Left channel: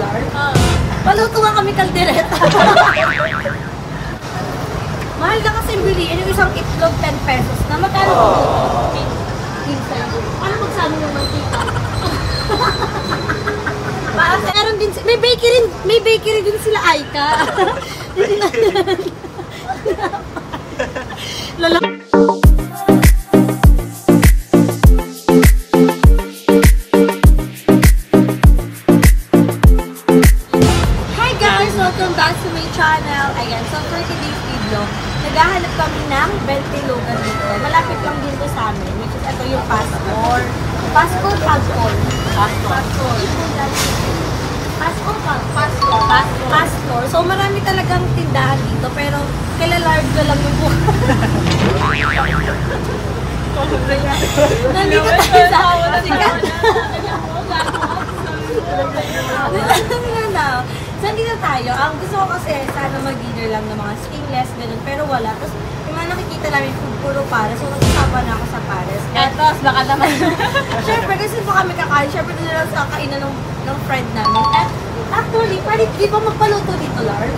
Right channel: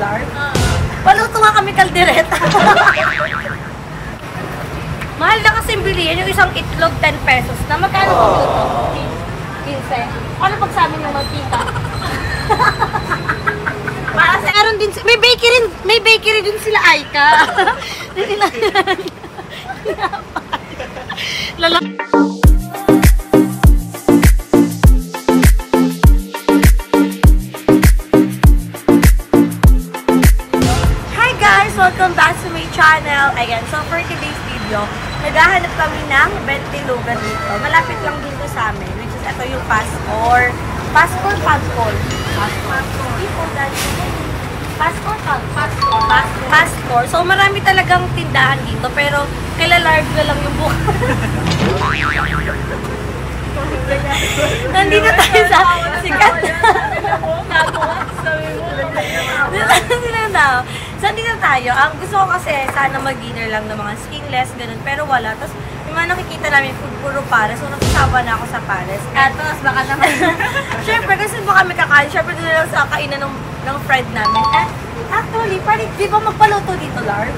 Lard? Paluto nga kami kaldereta. Mahal na kasi bilihin yung isang itlog 10 pesos na magkano? 15. Ano pag sa amin yung mantika? Meron din, may bakery din sila Aika. Lala. Hi guys, welcome back to my channel. Ayan, so for today's video, naghahanap kami ng Bentilogan dito. Malapit lang dito sa amin, which is ito yung Pascor. Pascor, Pagcol. Pascor. So marami talagang tindahan dito, pero kila large na lang yung buhay. Nandito tayo sa sikat. Saan dito tayo? Ang gusto ko kasi sana mag-dinner lang ng mga skinless, ganun, pero wala. Tapos yung mga nakikita namin food, puro pares. So nagsasawa na ako sa pares. Tapos baka naman. Siyempre, kasi baka kami kakain. Siyempre, doon lang sa kainan ng friend namin. At actually, pwede di ba magpaluto dito, Lard?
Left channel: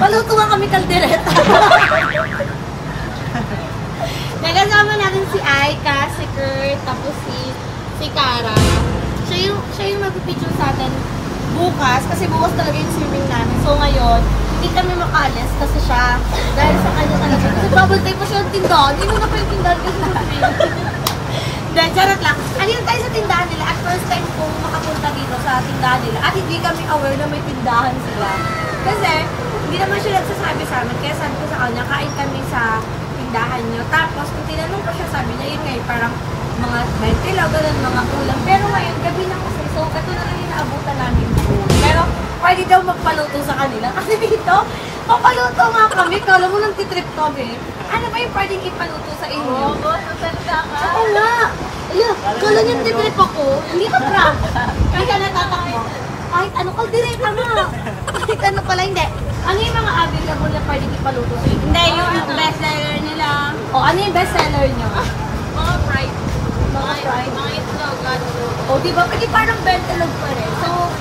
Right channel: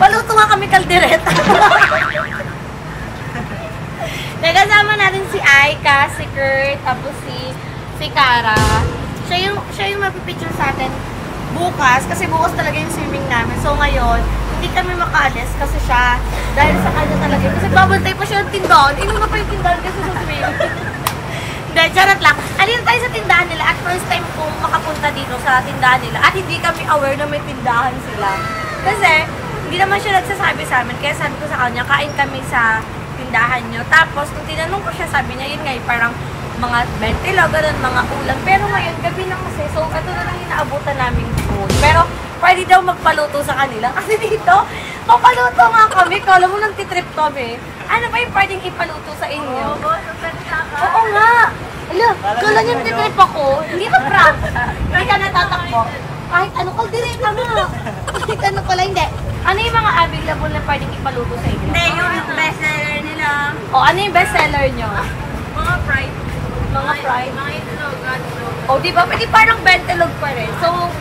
Paluto nga kami kaldereta. Nagkasama natin si Aika, si Kurt, tapos si Cara. Siya yung magpipicture sa atin bukas, kasi bukas talaga yung swimming namin. So ngayon, hindi kami makalis kasi siya, dahil sa kanya talaga. Kasi bubble tie pa siya ng tindahan. Inuna pa yung tindahan kasi sa swimming. Then, charot lang. Alin tayo sa tindahan nila at first time kong makapunta dito sa tindahan nila at hindi kami aware na may tindahan sila. Kasi, hindi naman siya nagsasabi sa amin. Kaya sabi ko sa kanya, kain kami sa tindahan nyo. Tapos, kung tinanong ko siya, sabi niya, yun ngayon, parang mga bentilo, ganun, mga ulam. Pero ngayon, gabi na kasi. So, ito na lang yung naabutan namin food. Pero, pwede daw magpaluto sa kanila. Kasi dito, papaluto nga kami. Kala mo nang titrip kami. Ano ba yung pwedeng ipaluto sa inyo? Oo nga. Kala niyo titrip ako. Hindi ka prank. Hindi ka natatakbo. Kahit ano, kaldereta nga. Kahit ano pala, hindi. Ano yung mga available na pwedeng ipaluto sa inyo? Hindi, yung bestseller nila. O, ano yung bestseller nyo? Mga fried. Mga fried? Mga itlog, itlog. O, diba? Pwede parang bentelog pa rin. So,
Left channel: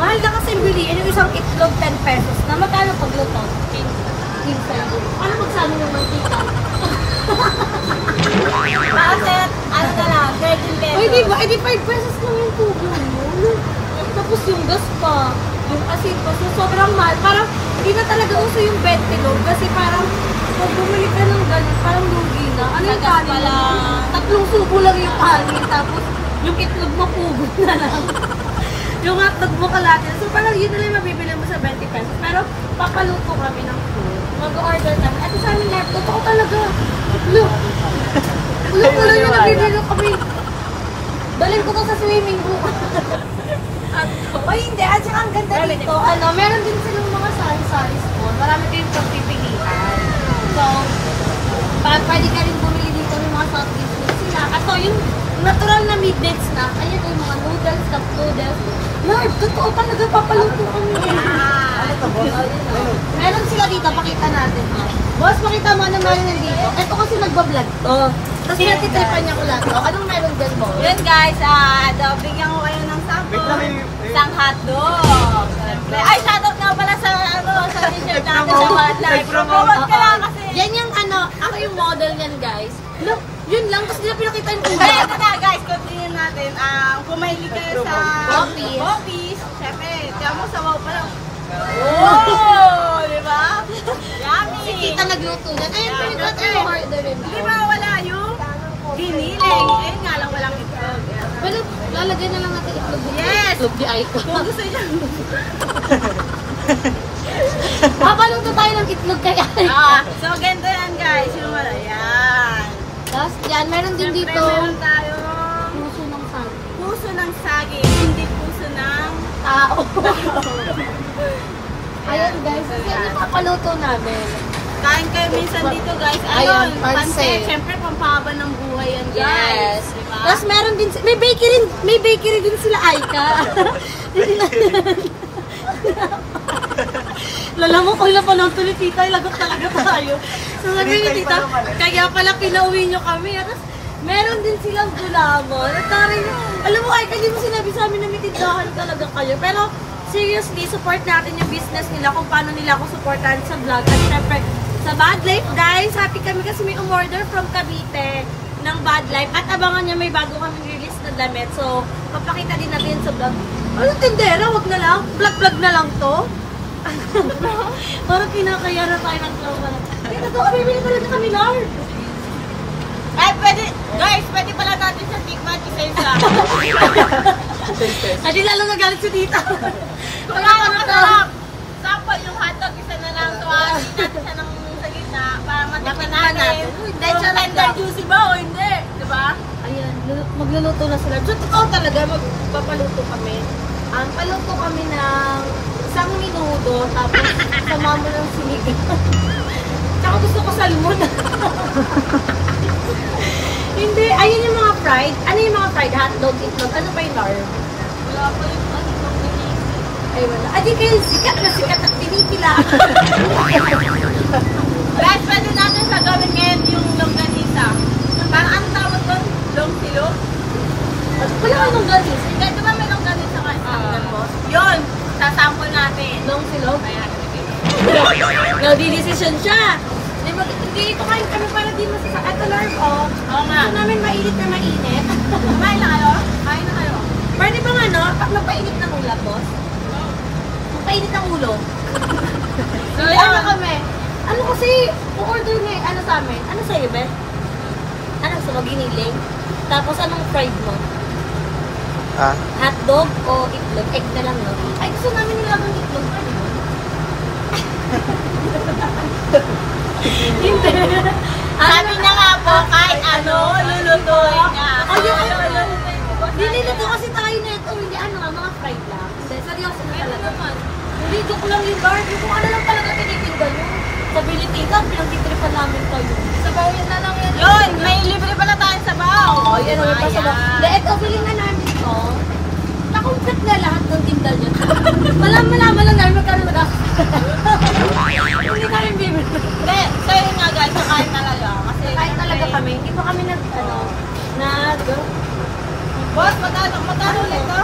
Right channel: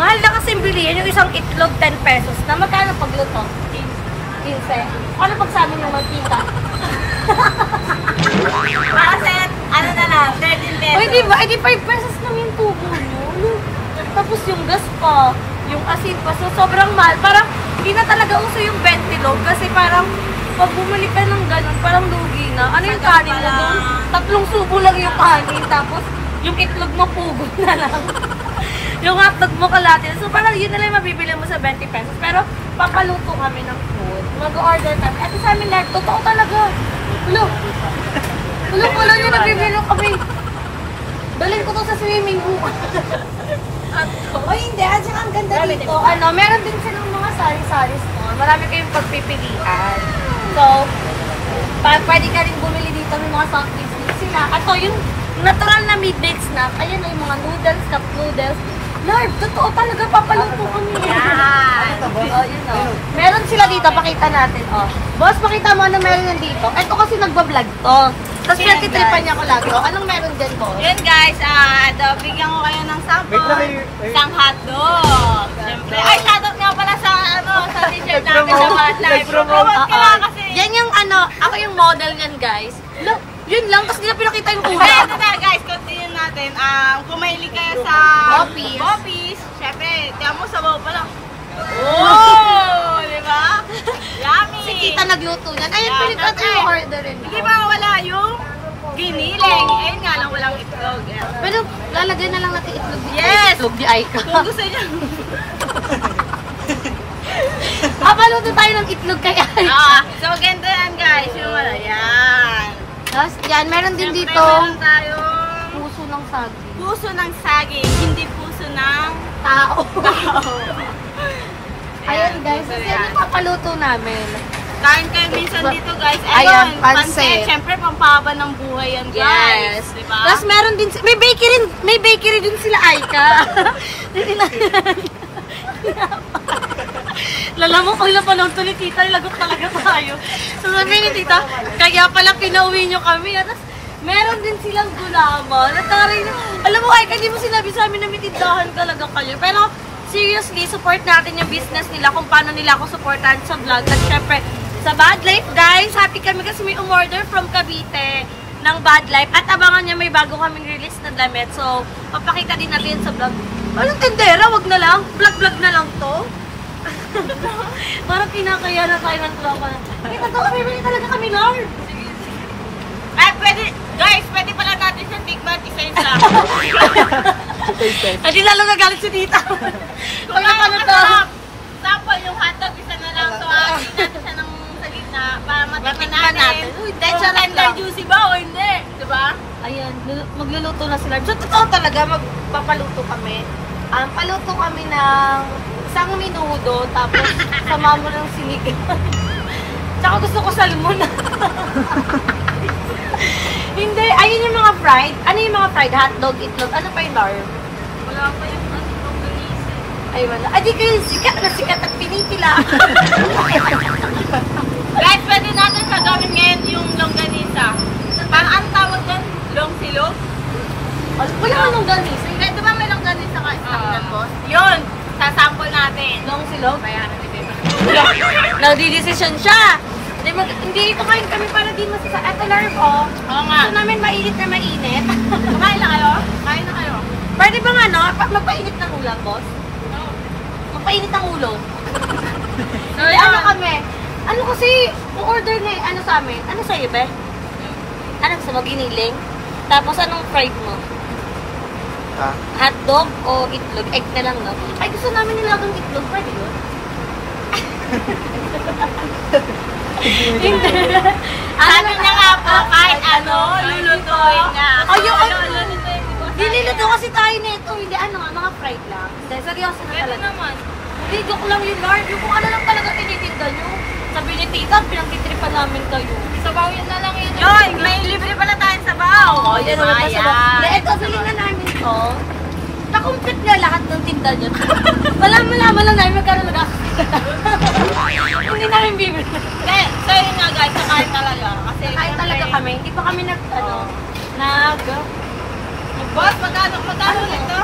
mahal na kasi bilihin yung isang itlog 10 pesos na magkano pagluto? 15. Ano pag sa amin yung mantika? Kasi, ano na lang, 13 pesos. Uy, diba? Eh, di 5 pesos lang yung tubo mo. Tapos yung gas pa, yung asin pa. So, sobrang mahal. Parang, hindi na talaga uso yung bentilog. Kasi parang, pag bumalik ka ng ganun, parang lugi na. Ano yung kanin mo? 3 subo lang yung kanin. Tapos, yung itlog mo, pugod na lang. Yung hotdog mo kalati. So, parang yun na lang mabibili mo sa 20 pesos. Pero, papaluto kami ng food. Mag-order kami. At sa amin lahat, totoo talaga. Look. Look, wala niya nabibili kami. Dalhin ko to sa swimming pool. O hindi, at saka ang ganda dito, meron din silang mga sari-sari store. Marami kayong pagpipilian. So, pwede ka rin bumili dito ng mga soft drinks sila. At so, yung natural na mid-mix na, ayan yung mga noodles, cup noodles. Lord, totoo talaga, papaluto kami. Yan. Oh, yun o. Meron sila dito, pakita natin. Oh. Boss, pakita mo anong meron nandito. Ito kasi nagbablog to. Tapos pinatitripan niya ko lagi. Oh, anong meron dyan mo? Yun guys, bigyan ko kayo ng sample. Isang hotdog. Siyempre. Ay, shoutout nga pala sa t-shirt namin sa Bad Life. Promote ka lang kasi. Yan yung ako yung model niyan guys. Look, yun lang. Tapos nila pinakita yung Kaya kulay. ito na guys, continue natin. Kung mahilig kayo sa Boppies, syempre, tiyan mo sa wow pa lang. Oh, di ba? Yummy! Si Tita nagluto yan. Ayun, Yeah, pinagkata yung order rin. Di ba wala yung giniling? Eh nga lang walang itlog. Yeah. Pero lalagay na lang natin itlog. Yes! Itlog ni Aika. Kung gusto niyo. Papaluto tayo ng itlog kay Aika. So ganito yan guys, yung wala. Yan. Tapos yan, meron din Siyempre, dito meron tayong puso ng saging. puso ng saging, hindi puso ng Tao. tao. Ayan guys, puso yan yan. yung papaluto namin. Kain kayo minsan dito guys. Ayan, Ayun, pansit. pansit. Siyempre, pampahaba ng buhay yan guys. Yes. Diba? Tapos meron din, may bakery din sila Aika. Lala mo, kung ilang panahon to ni Tita, lagot talaga tayo. So sabi ni Tita, kaya pala pinauwi nyo kami. Tapos Meron din silang gulaman. At taray, alam mo, ay, hindi mo sinabi sa amin na may tindahan talaga kayo. Pero, seriously, support natin yung business nila kung paano nila ako supportan sa vlog. At syempre, sa Bad Life, guys, happy kami kasi may umorder from Cavite ng Bad Life. At abangan nyo, may bago kaming release na damit. So, papakita din natin sa vlog. Walang tendera, wag na lang. Vlog-vlog na lang to. Parang kinakaya na tayo ng trauma na. Eh, bibili talaga kami, Lord. Ay, pwede, guys, pwede pala natin sa tikman isa-isa. Hindi lalo nagalit si Dita. Wala ka masarap. Sample yung hotdog, isa na lang. So, akin natin siya ng sa gitna para matikman natin. Hindi, siya tender juicy ba o hindi? Diba? Ayan, magluluto na sila. So, totoo talaga, magpapaluto kami. Paluto kami ng isang minuto, tapos sama mo ng sinigang. Tsaka gusto ko salmon. Hindi, ayun yung mga fried. Ano yung mga fried? Hotdog, itlog. Ano pa yung lar? Wala pa yung longganisa. Ay, wala. Ay, di kayo sikat na sikat at pinipila. Guys, pwede natin siya gawin ngayon yung longganisa. Parang ano tawag doon? Long-silog? Wala ka nung ganis. Hindi, di ba may longganisa nga isang boss? Yun! Sasample natin. Long silog? Kaya na dito. Nagdi-decision siya. Hindi ito kain kami para di masasa. Eto larg, oh. Oo nga. Gusto namin mainit na mainit. Kumain na kayo? Kain na kayo. Pwede ba nga, no? Magpainit ng ulam, boss? Magpainit ng ulo. Hindi, ano kami? Ano kasi, order na ano sa amin? Ano sa'yo, be? Ano gusto mo, giniling? Tapos anong fried mo? Hotdog o itlog? Egg na lang, no? Ay, gusto namin nilagang itlog. Pwede yun? Hindi. Sabi niya nga po, kahit ano, lulutuin niya. Ayun, niluluto kasi tayo nito. Hindi, ano nga, mga fried lang. Hindi, seryoso na talaga. Hindi, joke lang yun, Lord. Yung kung ano lang talaga tinitinda nyo. Sabi ni Tita, pinagtitripan namin kayo. Sabawin na lang yun. Yun, may libre pala tayong sabaw. O, di ba? Yan. Dahil bili na namin to. Na-complete na lahat ng tinda nyo. Malaman lang namin magkano mag-asit. Hindi namin bibili. Hindi, so yun nga guys, kakain talaga. Kasi Kain talaga kami. Hindi pa kami Boss, magkano ulit to?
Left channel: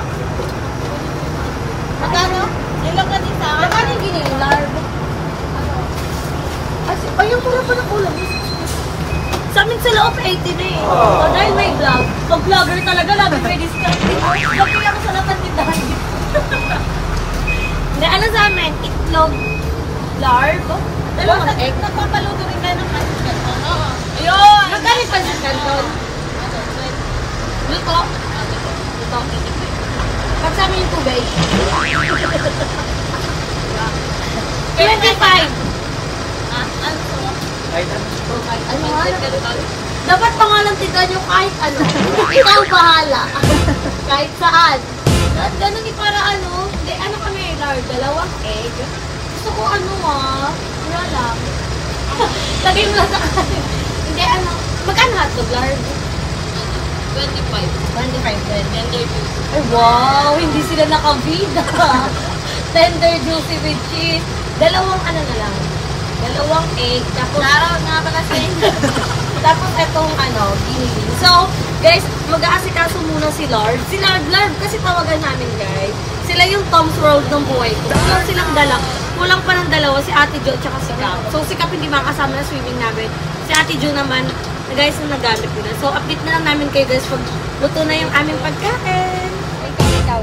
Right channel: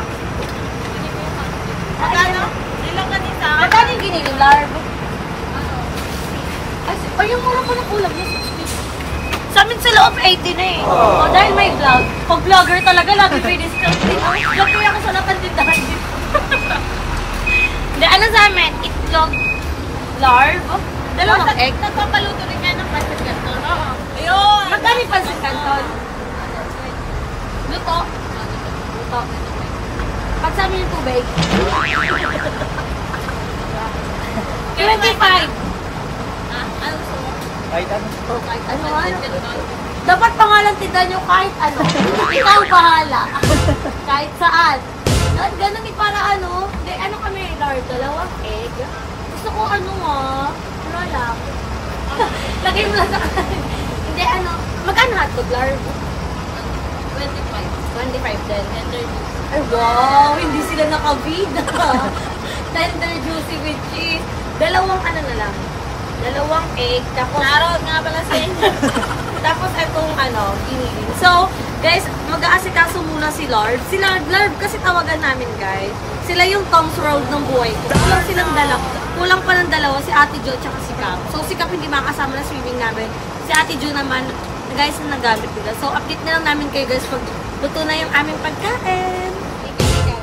Magkano? Ilang ganisa? Magkano yung ginilarb? Ay, yung mura pa ng ulam yun. Sa amin sa loob 80 na eh. So, dahil may vlog. Pag vlogger talaga, lagi may discount. Vlog ko ako sa lahat ng tindahan dito. Hindi, ano sa amin? Itlog, larb, dalawang egg. Nagpapaluto rin kayo ng pancit canton. Oo. Yun! Magkano yung pancit canton? Luto. Luto. Pag sa amin yung tubig. 25. Ano gusto mo? Dapat pangalan tinda nyo kahit ano. Ikaw bahala. Kahit saan. Ganun para ano. Hindi, ano kami, Lord? Dalawang egg. Gusto ko ano wala lang. Lagay mo lang sa kanin. Hindi, ano. Magkano hotdog, Lord? 25 din. Tender juicy. Ay, wow. Hindi sila nakabida. Tender juicy with cheese. Dalawang ano na lang. Dalawang egg, tapos Shoutout nga pala sa inyo. tapos itong giniling. So, guys, mag-aasikaso muna si Lord. Si Lord kasi tawagan namin, guys. Sila yung Tom's Road ng buhay ko. Kulang silang kulang pa ng dalawa, si Ate Jo at saka si Cap. So, si Cap hindi makasama na swimming namin. Si Ate Jo naman, guys, na nagamit nila. So, update na lang namin kayo, guys, pag luto na yung aming pagkain. Ikaw.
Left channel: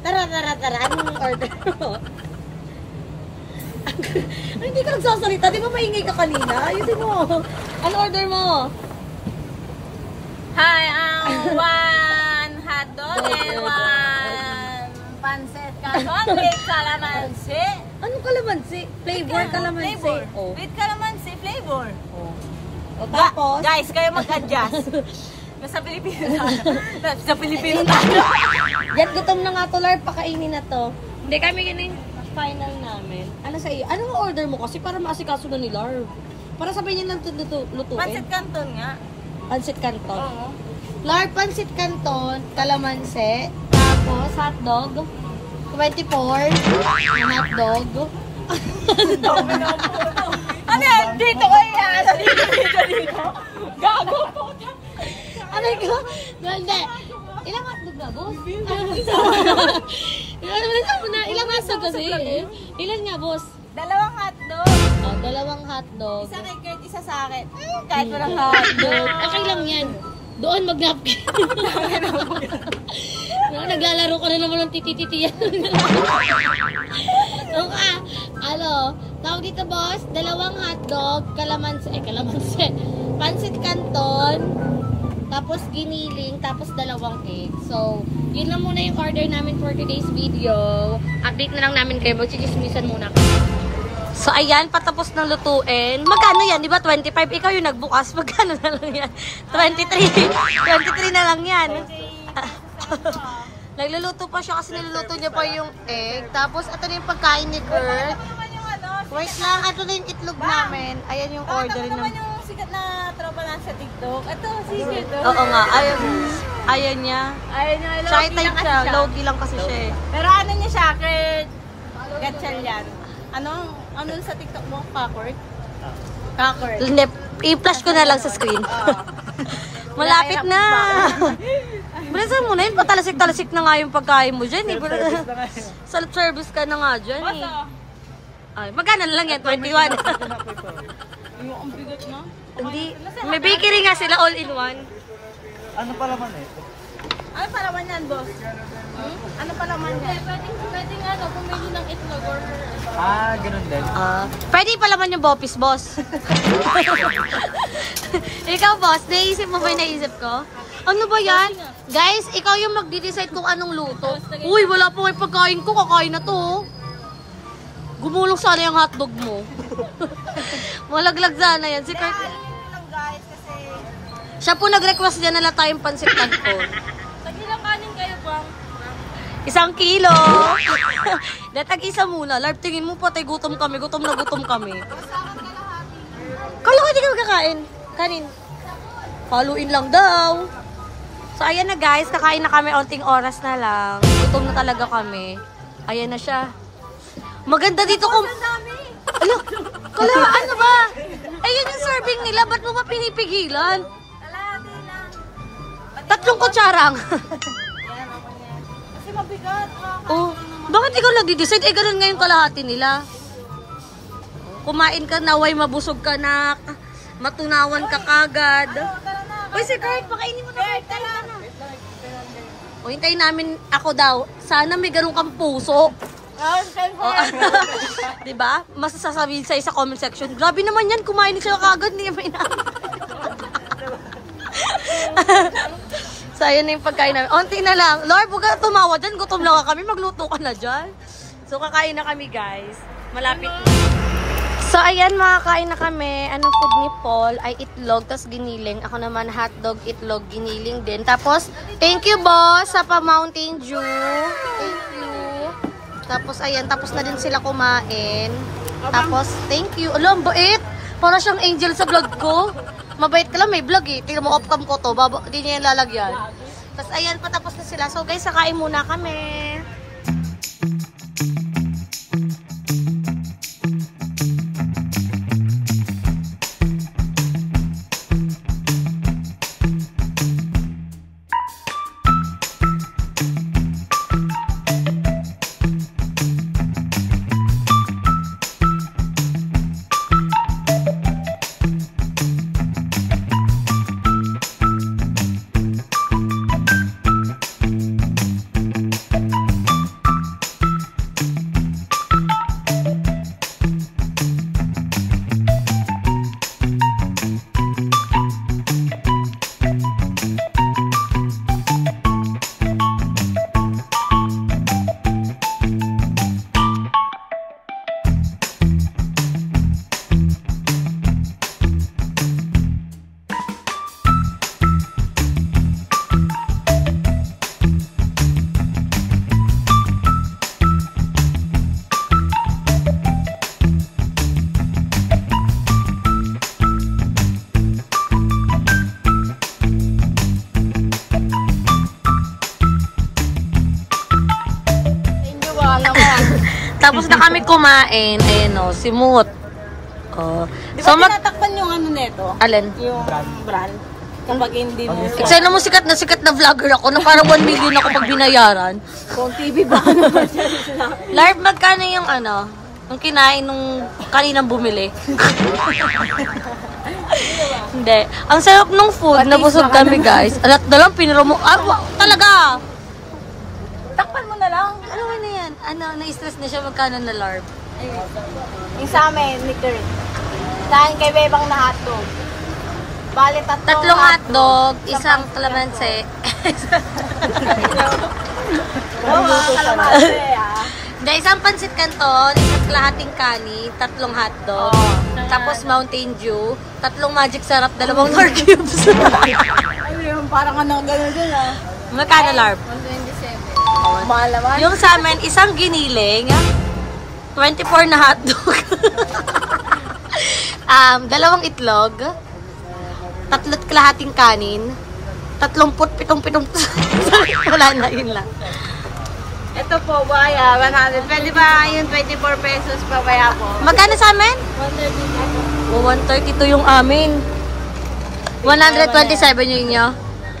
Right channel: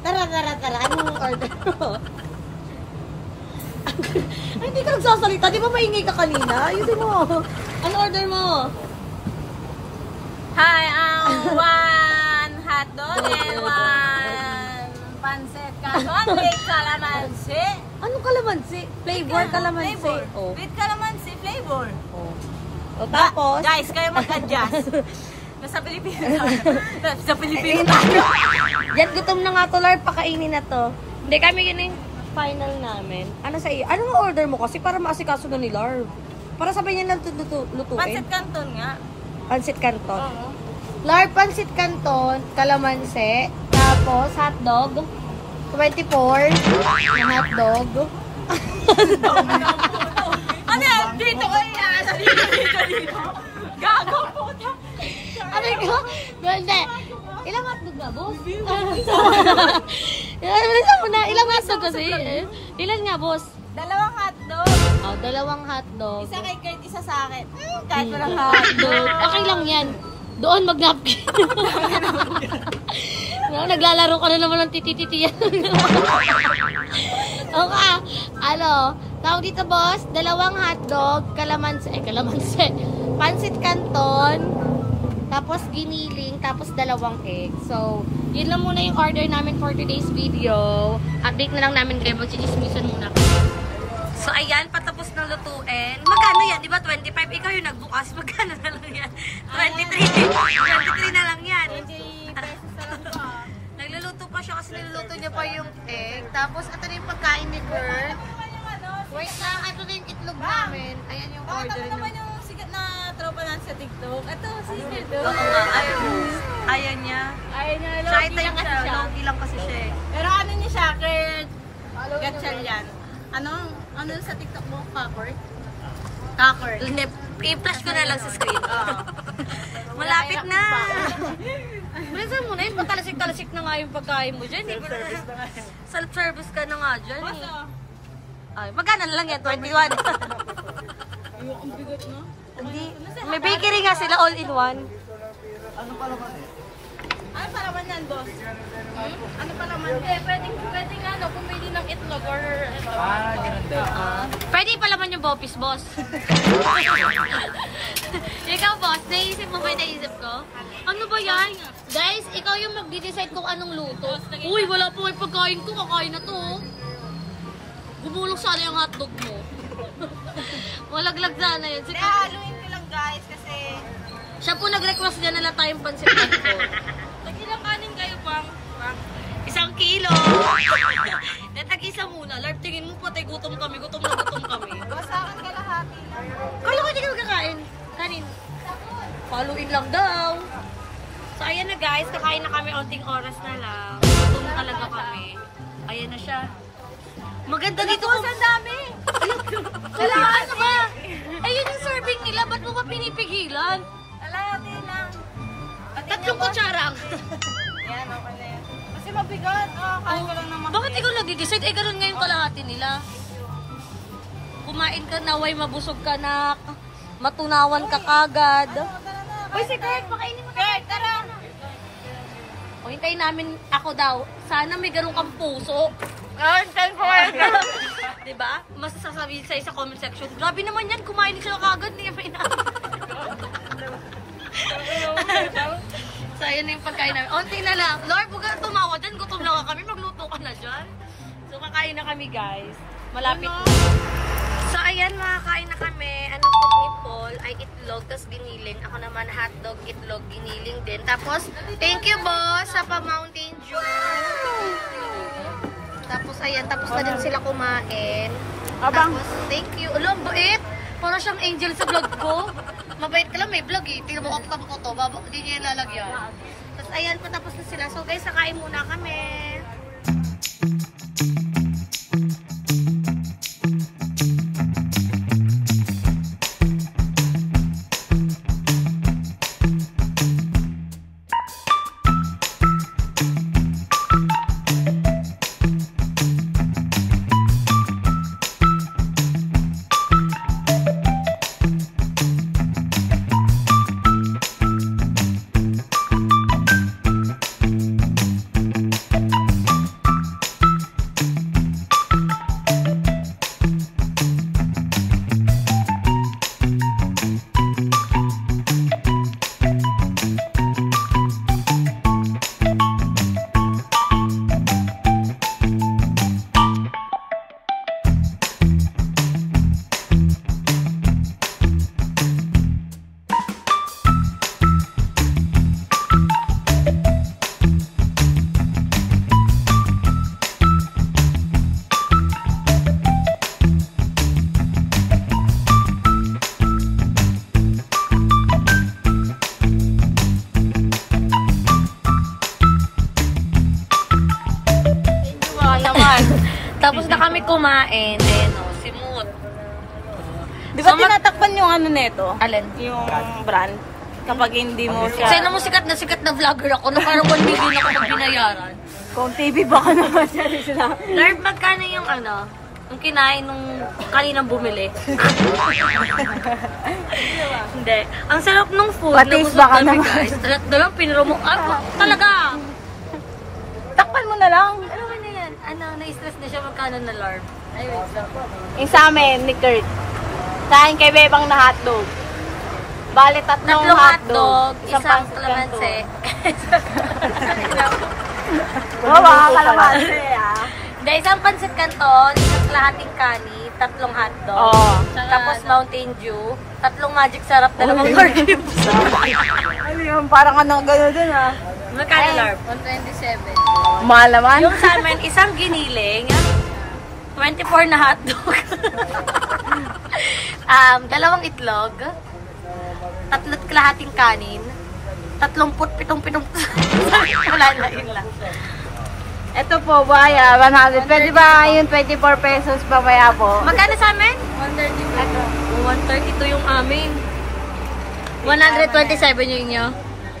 Tara. Anong order mo? Ay, hindi ka nagsasalita. Di ba maingay ka kanina? Ayusin mo. Ano order mo? Hi, one hotdog and one pancit canton with calamansi. Anong kalamansi? Flavor kalamansi. Flavor. Oh. With calamansi flavor. Oh. O tapos? Guys, kayo mag-adjust. Nasa Pilipinas. Sa Pilipinas tayo. Yan, gutom na nga to, Lord. Pakainin na to. Hindi kami yun yung final namin. Ano sa iyo? Anong order mo kasi para maasikaso na ni Lord? Para sabay niya lang lutuin. Pancit canton nga. Pancit canton. Oo. Lord, pancit canton, kalamansi, tapos hotdog, 24, na hotdog. Ano yan? Dito ko yan. Dito. Gago po. Aray ko? Hindi. Ilang hotdog na, boss? Ilang hotdog kasi? Ilan nga, boss? 2 hotdog. Oh, 2 hotdog. Isa kay Kurt, isa sa akin. Kahit walang hotdog. Okay lang yan. Doon mag-napkin. Naglalaro ka na naman ng titititiyan. Okay. Tawag dito, boss. 2 hotdog, kalamansi, pansit canton, tapos giniling, tapos 2 egg. So, yun lang muna yung order namin for today's video. Update na lang namin kayo. Magchichismisan muna kayo. So, ayan, patapos ng lutuin. Magkano yan? Di ba 25? Ikaw yung nagbukas. Magkano na lang yan? 23. 23 na lang yan. Nagluluto pa siya kasi niluluto niya pa yung egg. Tapos, ito na yung pagkain ni Kurt. Wait lang, ito na yung itlog namin. Ayan yung order naman. Yung sikat na tropa lang sa TikTok. Ito, sige ko. Oo nga. Ayan niya. Ayun na, Shy type siya. Low-key lang kasi siya eh. Pero ano niya siya, Kurt? Gatchal yan. Ano sa TikTok mo? Kakord? Kakord. Hindi, i-flash ko na lang sa screen. Malapit na. Bilisan mo na yun. Patalasik-talasik na nga yung pagkain mo dyan. Self-service ka na nga dyan eh. Ay, magkano na lang yan? 21. Ang bigot mo? Hindi. May bakery nga sila all-in-one. Ano pa naman eh? Ano pa naman yan, boss? Ano pa naman? Pwedeng pumili ng itlog or ito. Ganun din. Pwede pa naman yung bopis, boss. Ikaw, boss, naisip mo ba yung naisip ko? Ano ba yan? Guys, ikaw yung magdi-decide kung anong luto. Uy, wala po yung pagkain ko. Kakain na to. Gumulong sana yung hotdog mo. Malaglag sana yan. Kaya haluin ko lang, guys, kasi... Siya po nag-request dyan na tayong pansit canton. Nagilang kanin kayo, bang? 1 kilo. Datag-isa muna. Larp, tingin mo patay gutom kami. Gutom na gutom kami. Kala ko hindi kami kakain. Kanin. Paluin lang daw. So, ayan na guys. Kakain na kami. Onting oras na lang. Gutom na talaga kami. Ayan na siya. Maganda dito kung... Ang dami! Kala, ano ba? Ayun yung serving nila. Ba't mo ba pinipigilan? Alati lang. 3 kutsarang. Yan, okay na yan. Kasi mabigat. Oh, bakit ikaw nag-decide? Eh, ganun nga yung kalahati nila. Kumain ka na, way mabusog ka na, matunawan ka kagad. Tara na. Uy, si Kurt, pakainin mo na. Kurt, tara na. O, hintayin namin ako daw. Sana may ganun kang puso. Diba? Mas sasabihin sa'yo sa comment section, grabe naman yan, kumain siya kagad, hindi naman inamin. So, ayun na yung pagkain namin. Onti na lang. Lord, huwag ka tumawa dyan. Gutom na kami. Magluto ka na dyan. So, kakain na kami, guys. Malapit na. So, ayan, makakain na kami. Anong food ni Paul ay itlog, tas giniling. Ako naman, hotdog, itlog, giniling din. Tapos, thank you, boss, sa pa-Mountain Dew. Thank you. Tapos, ayan, tapos na din sila kumain. Tapos, thank you. Alam, bait. Para siyang angel sa vlog ko. Mabait ka lang, may vlog eh. Tingnan mo, off-cam ko to. Hindi niya yung lalagyan. Tapos, ayan, patapos na sila. So, guys, sakain muna kami. Tapos na kami kumain. Ayan o, si Moot. Oh. Di ba tinatakpan yung ano neto? Alin? Yung brand? kapag hindi mo siya. Sana mo sikat na vlogger ako na parang 1 million ako pag binayaran. Kung TV ba ka naman siya sila. Larb, magkano yung yung kinain nung kaninang bumili? Hindi. Ang sarap nung food, nabusog kami guys. Alat na lang, piniro mo. Talaga! Takpan mo na lang. Ano na yan? Na-stress na siya magkano na Larb? Ay, wait lang. Yung sa amin, ni Kurt. Kain kay Bebang na hotdog. Bali, Tatlong hotdog, isang kalamansi. Kalamansi, ah. Hindi, isang pansit canton, isang kalahating kanin, tatlong hotdog, tapos Mountain Dew, tatlong magic sarap, dalawang Nor cubes. Ay, yung parang gano'n dun, ah. Magkano Larb? 127. Mahal naman. Yung sa amin, isang giniling, 24 na hotdog, dalawang itlog, tatlo't kalahating kanin, 37 wala na, yun lang. Ito po, buhaya, 100. Pwede ba yung 24 pesos pa kaya po? Magkano sa amin? 130. 132 yung amin. 127 yung inyo.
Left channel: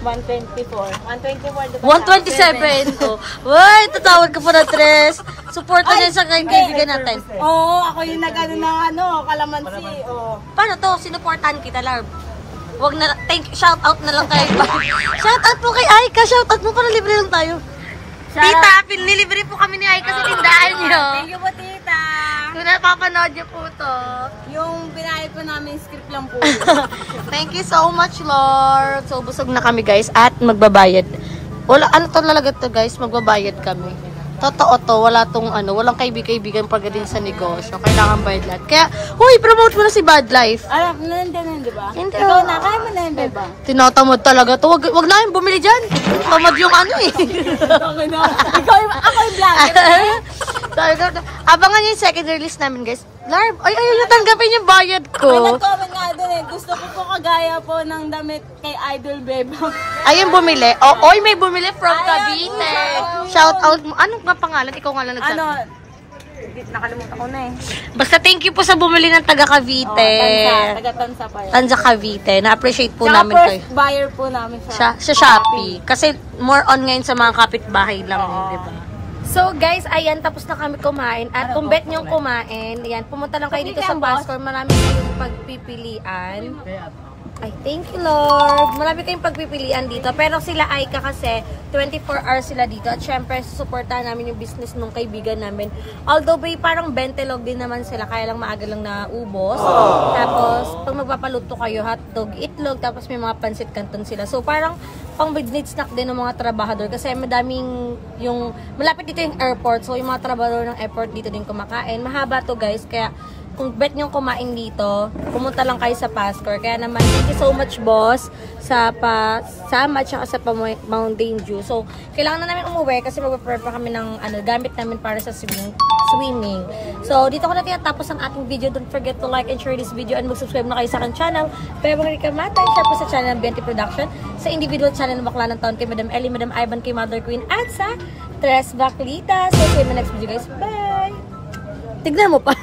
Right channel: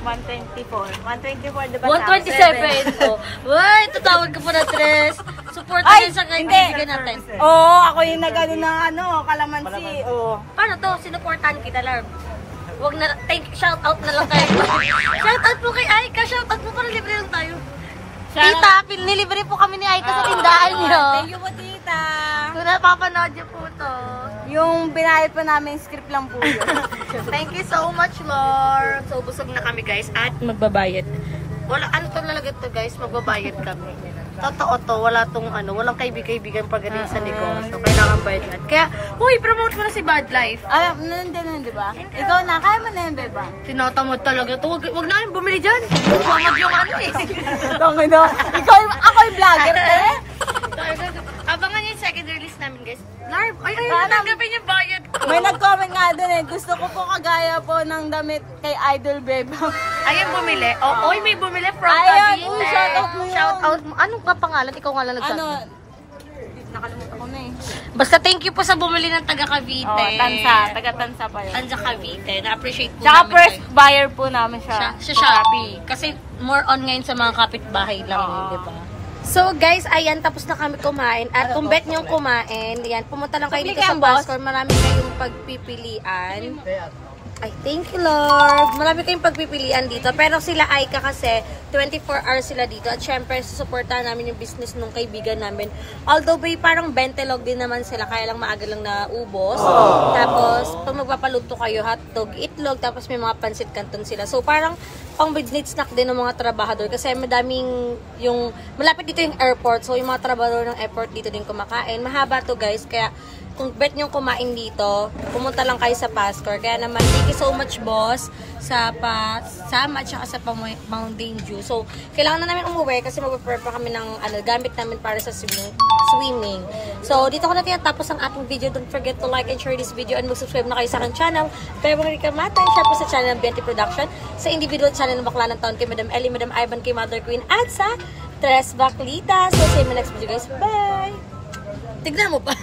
124. 124, diba? 127. Oh. Uy, tatawag ka po na tres. Supporta din sa kaibigan natin. Oo, ako yung nag-ano na kalamansi. Oo. Paano to? Sinuportahan kita, Larb. Wag na, shout out na lang kayo. Shout out po kay Aika. Shout out mo para libre lang tayo. Tita, pinlilibre po kami ni Aika sa tindahan nyo. Thank you po, tita. Kung napapanood nyo po to. Yung binayad po namin, script lang po yun. Thank you so much, Lord. So, busog na kami, guys. At magbabayad. Wala, ano to talaga to, guys? Magbabayad kami. Totoo to. Wala tong walang kaibigan pagdating sa negosyo. Kailangan bayad lahat. Kaya, huy, promote mo na si Bad Life. Alam, nandiyan, di ba? Hindi. Ikaw na, kaya mo na yun, di ba? Tinatamad talaga to. Wag na yung bumili dyan. Tamad yung eh. Ako yung vlogger. Abangan nyo yung second release namin, guys. Larb, ayaw nyo tanggapin yung bayad ko. May nag-comment nga dun eh. Gusto ko po kagaya po ng damit kay Idol Bebang. Ayun bumili. Oy, may bumili from Cavite. Shout out mo. Anong nga pangalan? Ikaw nga lang nagsabi. Nakalimutan ko na eh. Basta thank you po sa bumili ng taga Cavite. Taga-Tansa pa yun. Tanza Cavite. Na-appreciate po Tsaka namin first kayo. buyer po namin siya. Sa Shopee. Kasi more on ngayon sa mga kapitbahay lang, di ba? So guys, ayan, tapos na kami kumain. At kung bet niyong kumain, ayan, pumunta lang kayo dito sa Pascor. Marami kayong pagpipilian. Ay, thank you, Lord. Marami kayong pagpipilian dito. Pero sila Aika kasi, 24 hours sila dito. At syempre, susuportahan namin yung business nung kaibigan namin. Although, parang 20 log din naman sila. Kaya lang maaga lang na ubos. Tapos, pag magpapaluto kayo, hotdog, itlog, tapos may mga pansit canton sila. So, parang pang midnight snack din ng mga trabahador. Kasi madaming malapit dito yung airport. So, yung mga trabahador ng airport dito din kumakain. Mahaba to, guys. Kaya, kung bet nyo kumain dito, pumunta lang kayo sa Pascor. Kaya naman, thank you so much, boss, sa pasama at sa Mountain Dew. So, kailangan na namin umuwi kasi mag-prepare pa kami ng gamit namin para sa swimming. So, dito ko na tinatapos ang ating video. Don't forget to like and share this video and mag-subscribe na kayo sa aking channel. Pero mga rikamata, share po sa channel ng BNT Production, sa individual channel ng Bakla ng Taon kay Madam Ellie, Madam Ivan, kay Mother Queen, at sa Tres Baklita. So, see you in my next video, guys. Bye! Tignan mo pa.